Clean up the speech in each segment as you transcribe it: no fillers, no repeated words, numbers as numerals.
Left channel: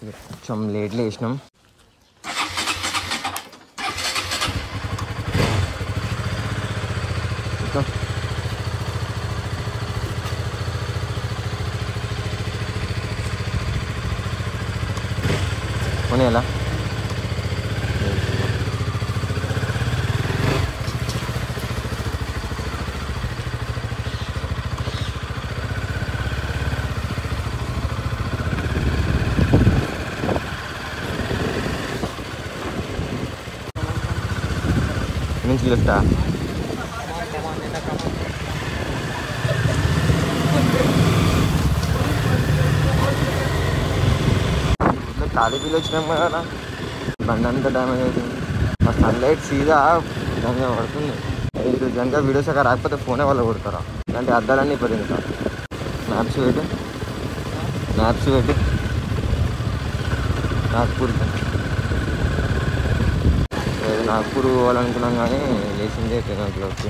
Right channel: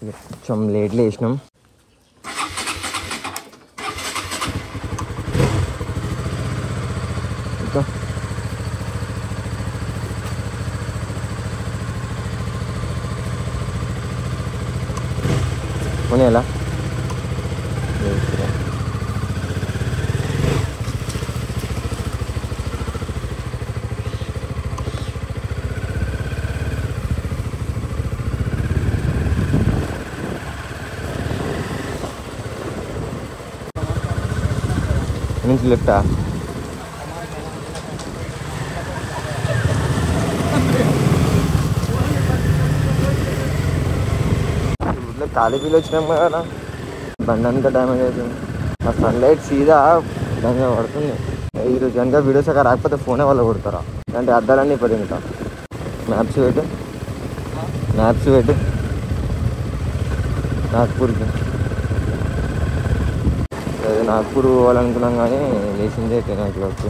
కొంచెం లేట్ లేసినాం. ఇంకా పోనీ ఎలా నుంచి లెఫ్టా? ఇట్లా ఖాళీ ఫీల్ వచ్చినాం కదా, బండి అంతా డ్యామేజ్ అవుతుంది. ఆ సన్లైట్ సీదా దాని పడుతుంది. ఈరోజు కనుక వీడియోస్ అక్కడ రాకపోతే ఫోనే వాళ్ళు కొడతారా? అంటే అద్దాలన్నీ ఇప్పుడు ఇంకా మ్యాప్స్ పెట్టు నాగ్పూర్కి. లేదు నాగ్పూర్ పోవాలనుకున్నాం కానీ లేచిందే 10 o'clock.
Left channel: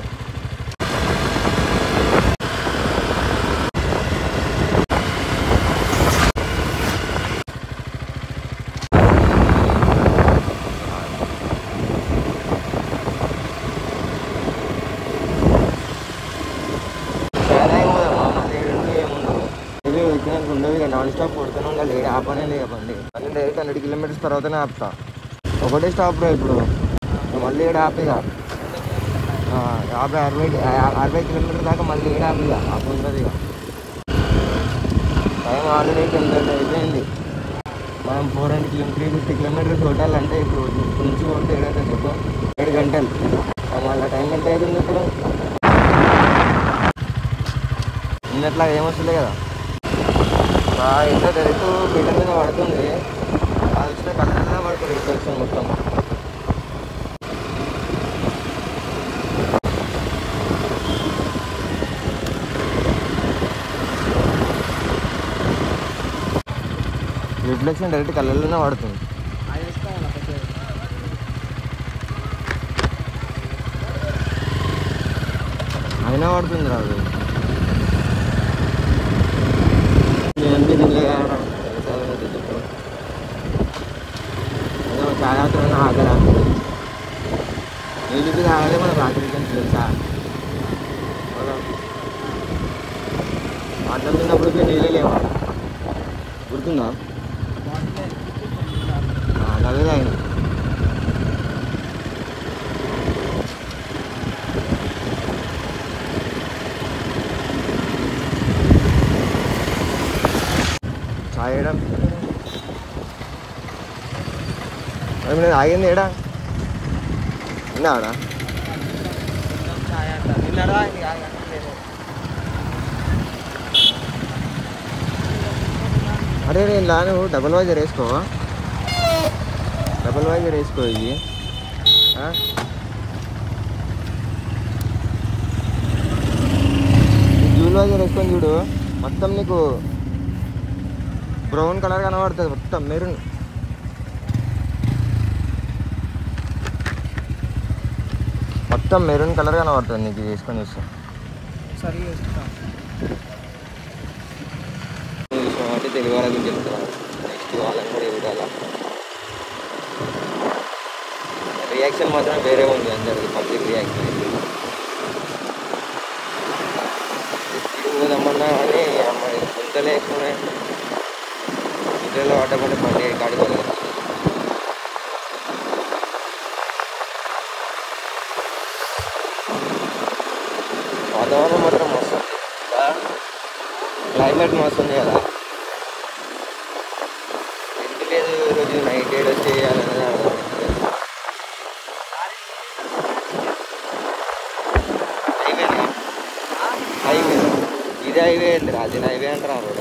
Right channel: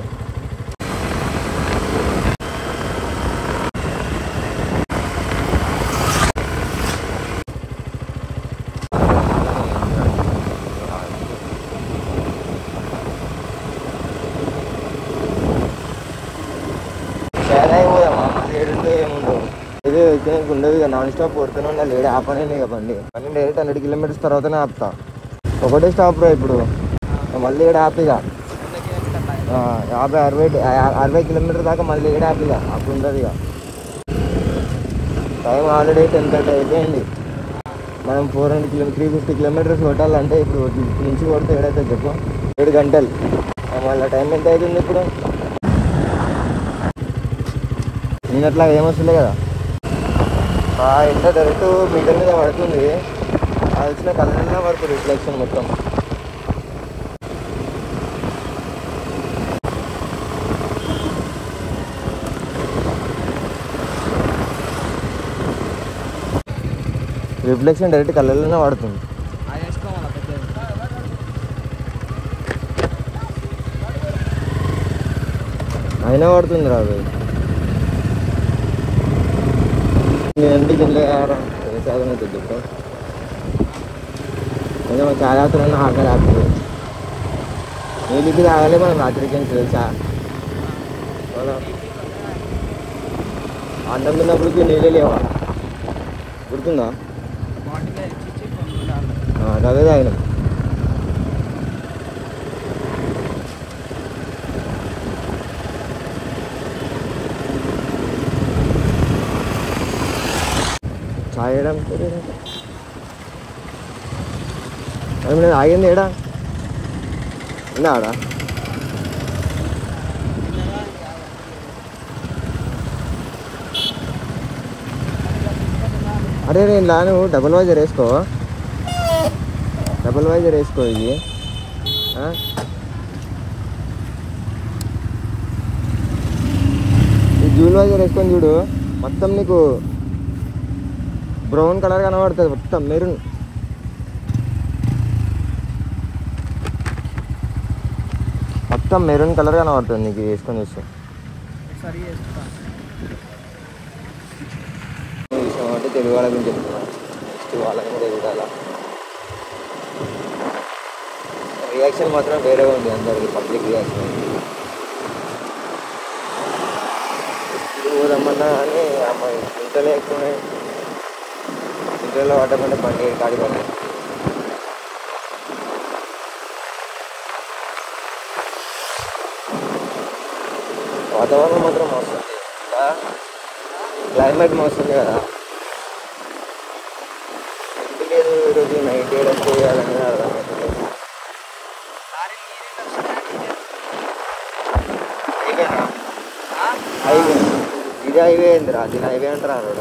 ఇది వచ్చినాక ఉండదు ఇక, నాన్ స్టాప్ కొడుతూనే ఉండాలి. ఏడు ఆపనే ఇక బండి. మళ్ళీ డైరెక్ట్ 100 kilometers తర్వాతనే ఆపుతా. ఒకటే స్టాప్ రా ఇప్పుడు, మళ్ళీ ఏడు ఆపిగా 50-60 kilometers దాకా మళ్ళీ ఏడు ఆపిగా అప్పుడు ఉంటుంది ఇక. టైం ఆల్రెడీ 10:30 అయిపోయింది. మనం 350 kilometers కొట్టాలంటే ఇప్పుడు నుంచి కొడితే ఏడైతే చెప్పు 7 గంటలు. మళ్ళీ టైం ఎంత అవుతుంది ఇప్పుడు? నేను అట్లా ఏమొస్తుండే కదా, ఎంత డైరెక్ట్ మీటర్ మీద పడుతుంది. అది వచ్చిన కళ్ళల్లో పడుతుంది రిఫ్లెక్షన్ మొత్తం. రిఫ్లెక్షన్ డైరెక్ట్ కళ్ళల్లోనే పడుతుంది. అయినా పడుతుంది రాదు. నేనంటే దీనిలో సాధన తిట్టు ఇంకా చాలా ఆకలి ఆకుతుంది. నీళ్ళకి తాగాలి మనం రాత్రికి అని తెలుసా? మనం అన్నం తిన్నప్పటికి నీళ్ళే లేవా? గుర్తుందా? అదే తాగిన. చాయ్ వేయడం మరి నేను ఆగింది ఏడా విన్నా ఆడా? అరే నేను ఇలా నువ్వు డబల్ వైజర్ వేసుకో ఇది. ఈ డ్యూల్ వైజర్ వేసుకొని చూడు, మొత్తం నీకు బ్రౌన్ కలర్ కనబడుతుంది. మొత్తం మెరూన్. కలర్ కనబడుతుంది నీకు వేసుకొని చూస్తాం. అంటే తెలుగు వాళ్ళ గురించి చెప్తున్నా, నెక్స్ట్ వాళ్ళని కూడా చూడాలా. రియాక్షన్ మాత్రం వేరే ఉంది అందరికి, పబ్లిక్ రియాక్షన్ అయింది. స్పీడ్ పోదామన్నా కానీ అమ్మాయి గుంటలే ఎక్కువనే. గుంటలో పడ్డమంటే బండి కాడిపోలేదు. వాతావరణం మాత్రం మస్తుంది, క్లైమేట్ మస్తుంది కదా. ఎంత లేదు ఈరోజు నైట్ ఏడ స్టే చేయాలనేది అర్థమవుతలేదు. హైవేనా ఇది? హైవే ఏంది రా? దీని హైవే అంటారా రోడ్?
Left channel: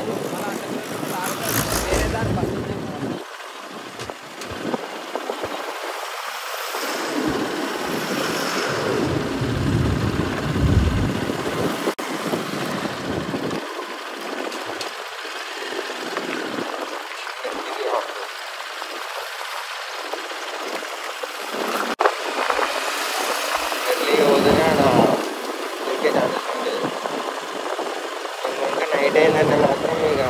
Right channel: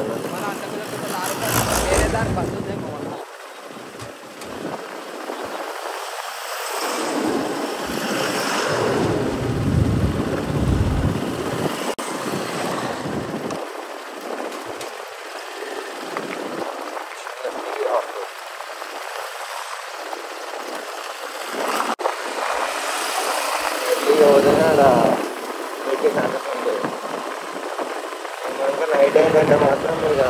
ఎర్లీ వదిలే ఆడ దొరికే ఛాన్సెస్ ఉంటుంది. ఇంకా నైట్ అయిందంటే మాత్రం ఇక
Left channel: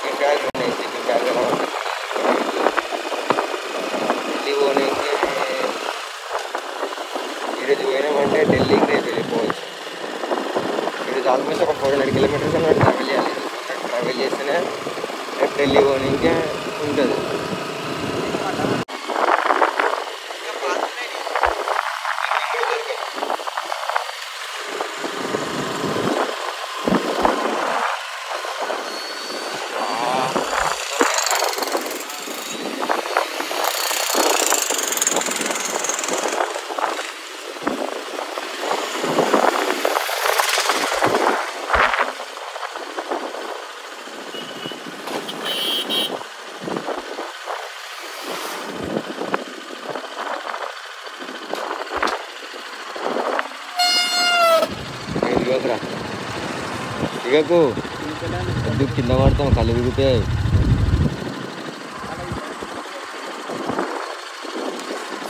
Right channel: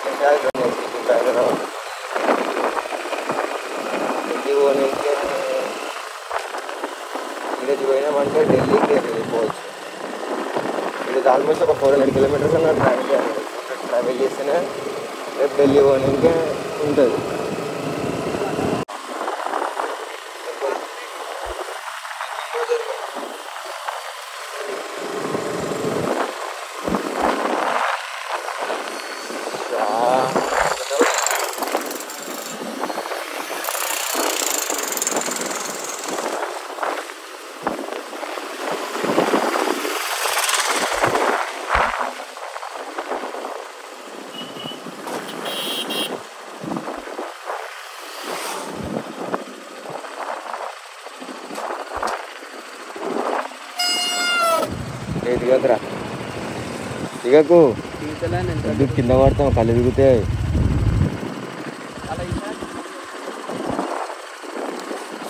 స్లీపింగ్ బ్యాగ్లు ఉన్నాయి. స్లీపింగ్ బ్యాగ్ ఢిల్లీ పోనీకి ఈరోజు పోయినామంటే ఢిల్లీకి రేపు వెళ్ళిపోవచ్చు. ఈరోజు ఆల్మోస్ట్ ఒక 400 కిలోమీటర్స్ అన్నట్టు ట్రావెల్ చేయాలి. ట్రావెల్ చేస్తేనే రేపు ఢిల్లీ పోనీకే ఉంటుంది. దిగకురా, దిగకు, వద్దు కింద పడతాం, కళ్ళు తిరిగితే.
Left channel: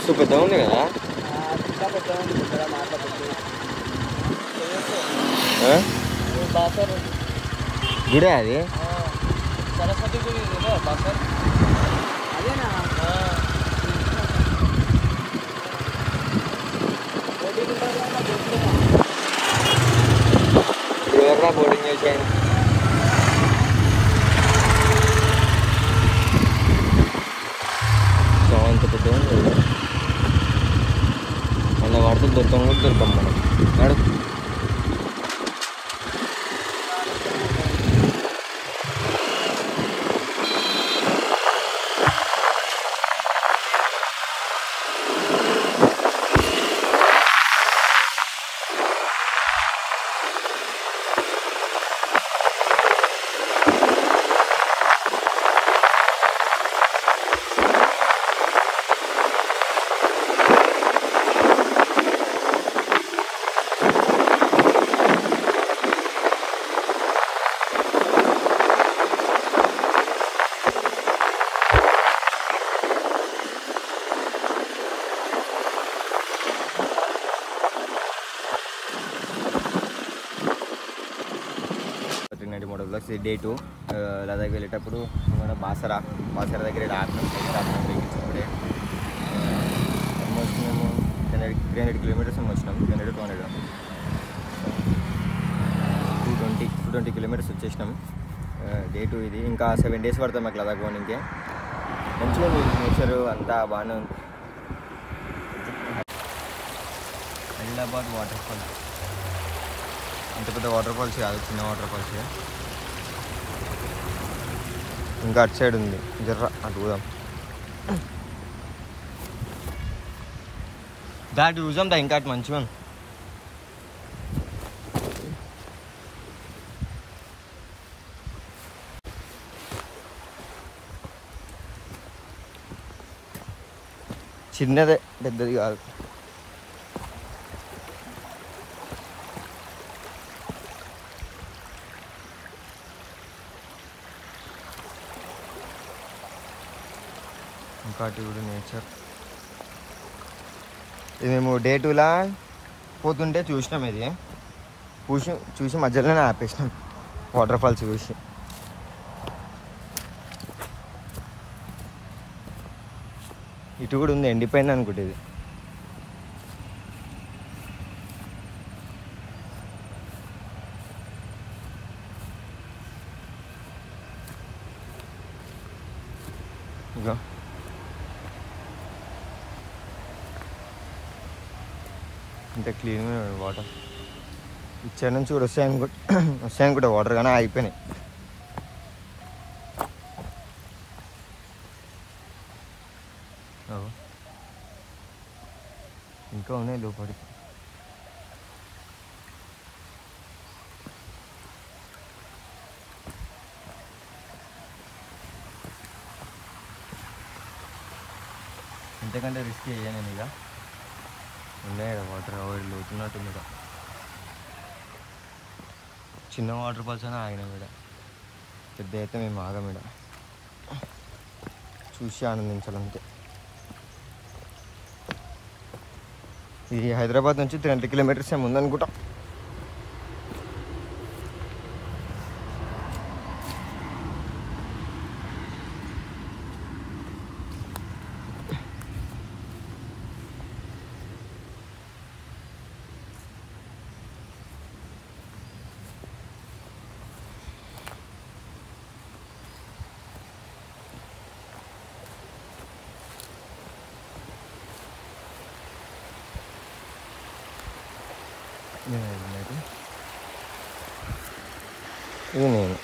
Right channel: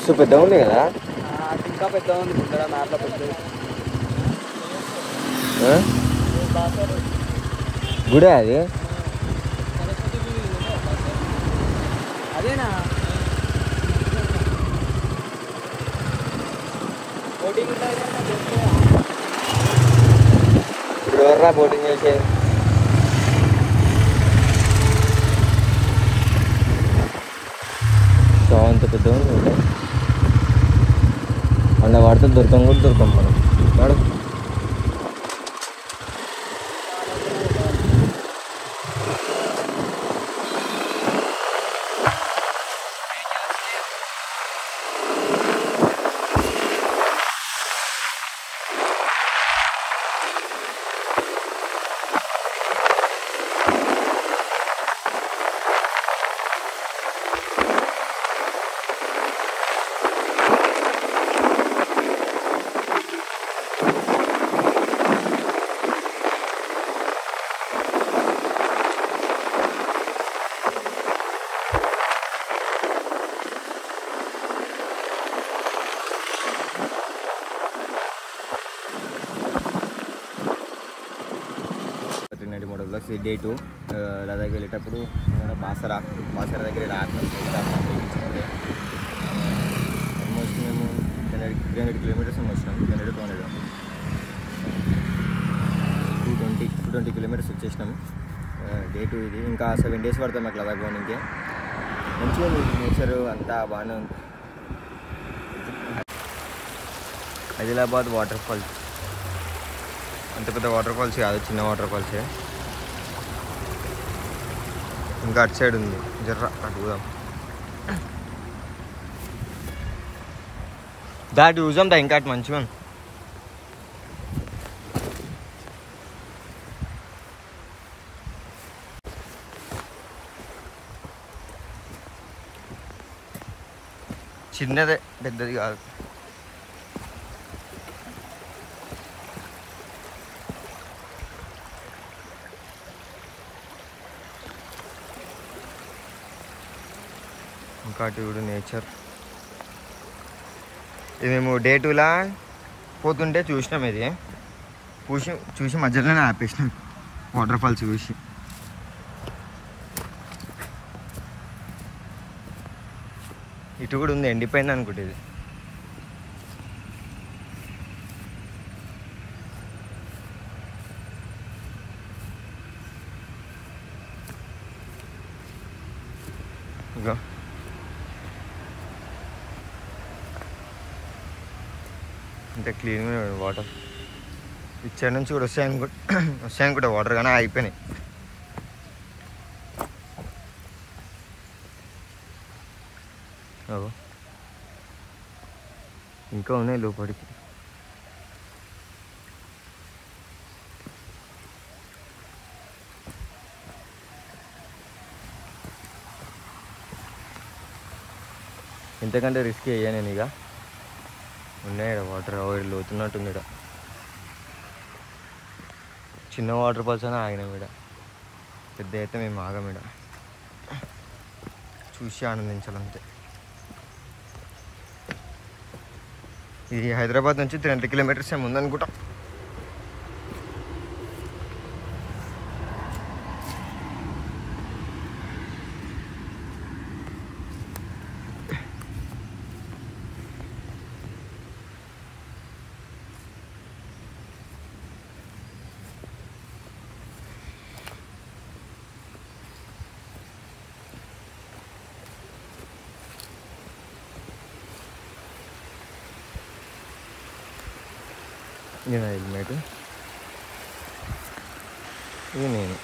సో పెద్ద ఉంది కదా. గుడి అది ఎవర్రా బోటింగ్ చేసేది. సో అంత పెద్ద ఉంది అన్న వాడితే దొరకం కూడా దొరకం మనం. వాడు డే 2 లదాఖ్ వెళ్ళేటప్పుడు బాసరా దగ్గర రాత్రి ఇప్పుడే ఆల్మోస్ట్ మేము 300 కిలోమీటర్స్ వచ్చినాం. 220 కిలోమీటర్స్ వచ్చేసినాం. డే 2 ఇది. ఇంకా 7 days పడతాం మాకు లదాఖ్ పోనీకే. మంచిగా ఉంది నేచరు అంతా బాగానే ఉంది. ఆదిలాబాద్ వాటర్ ఫాల్స్ అంత పెద్ద వాటర్ ఫాల్స్ కాదు, చిన్న వాటర్ ఫాల్సే. ఇంకా అటు సైడ్ ఉంది, జర్ర అటు పోదాం. దాటి చూసాం దా, ఇంకా అటు మంచిగా చిన్నదే, పెద్దది కాదు. ఇంకా అటు కూడా నేచర్. ఇది మేము డే 2లా పోతుంటే చూసినాం. ఇది చూసి మధ్యలోనే ఆపేసినాం వాటర్ ఫాల్స్ చూసి. ఇటు కూడా ఉంది, ఎండిపోయింది అనుకుంటే ఇది. ఇంకా అంటే క్లీన్ వాటర్ ఇచ్చే నుంచి కూడా వస్తాయనుకుంటా వాటర్, కానీ అయిపోయినాయి. ఇంకా ఉన్నాయి లోపలికి. ఇంతకంటే రిస్క్ అయ్యా నేను. ఇక ఉన్నాయి వాటర్ లోతున్నట్టుంది. ఇక్కడ చిన్న వాటర్ ఫాల్స్ అని ఆగినాం. ఇక్కడ పెద్ద అయితే మేము ఆగం. ఇక్కడ చూసి ఆనందించాలంతే. ఇది హైదరాబాద్ నుంచి 300 కిలోమీటర్స్ ఏమి ఉందనుకుంటా. నేను హెల్మెట్ ఇది నేను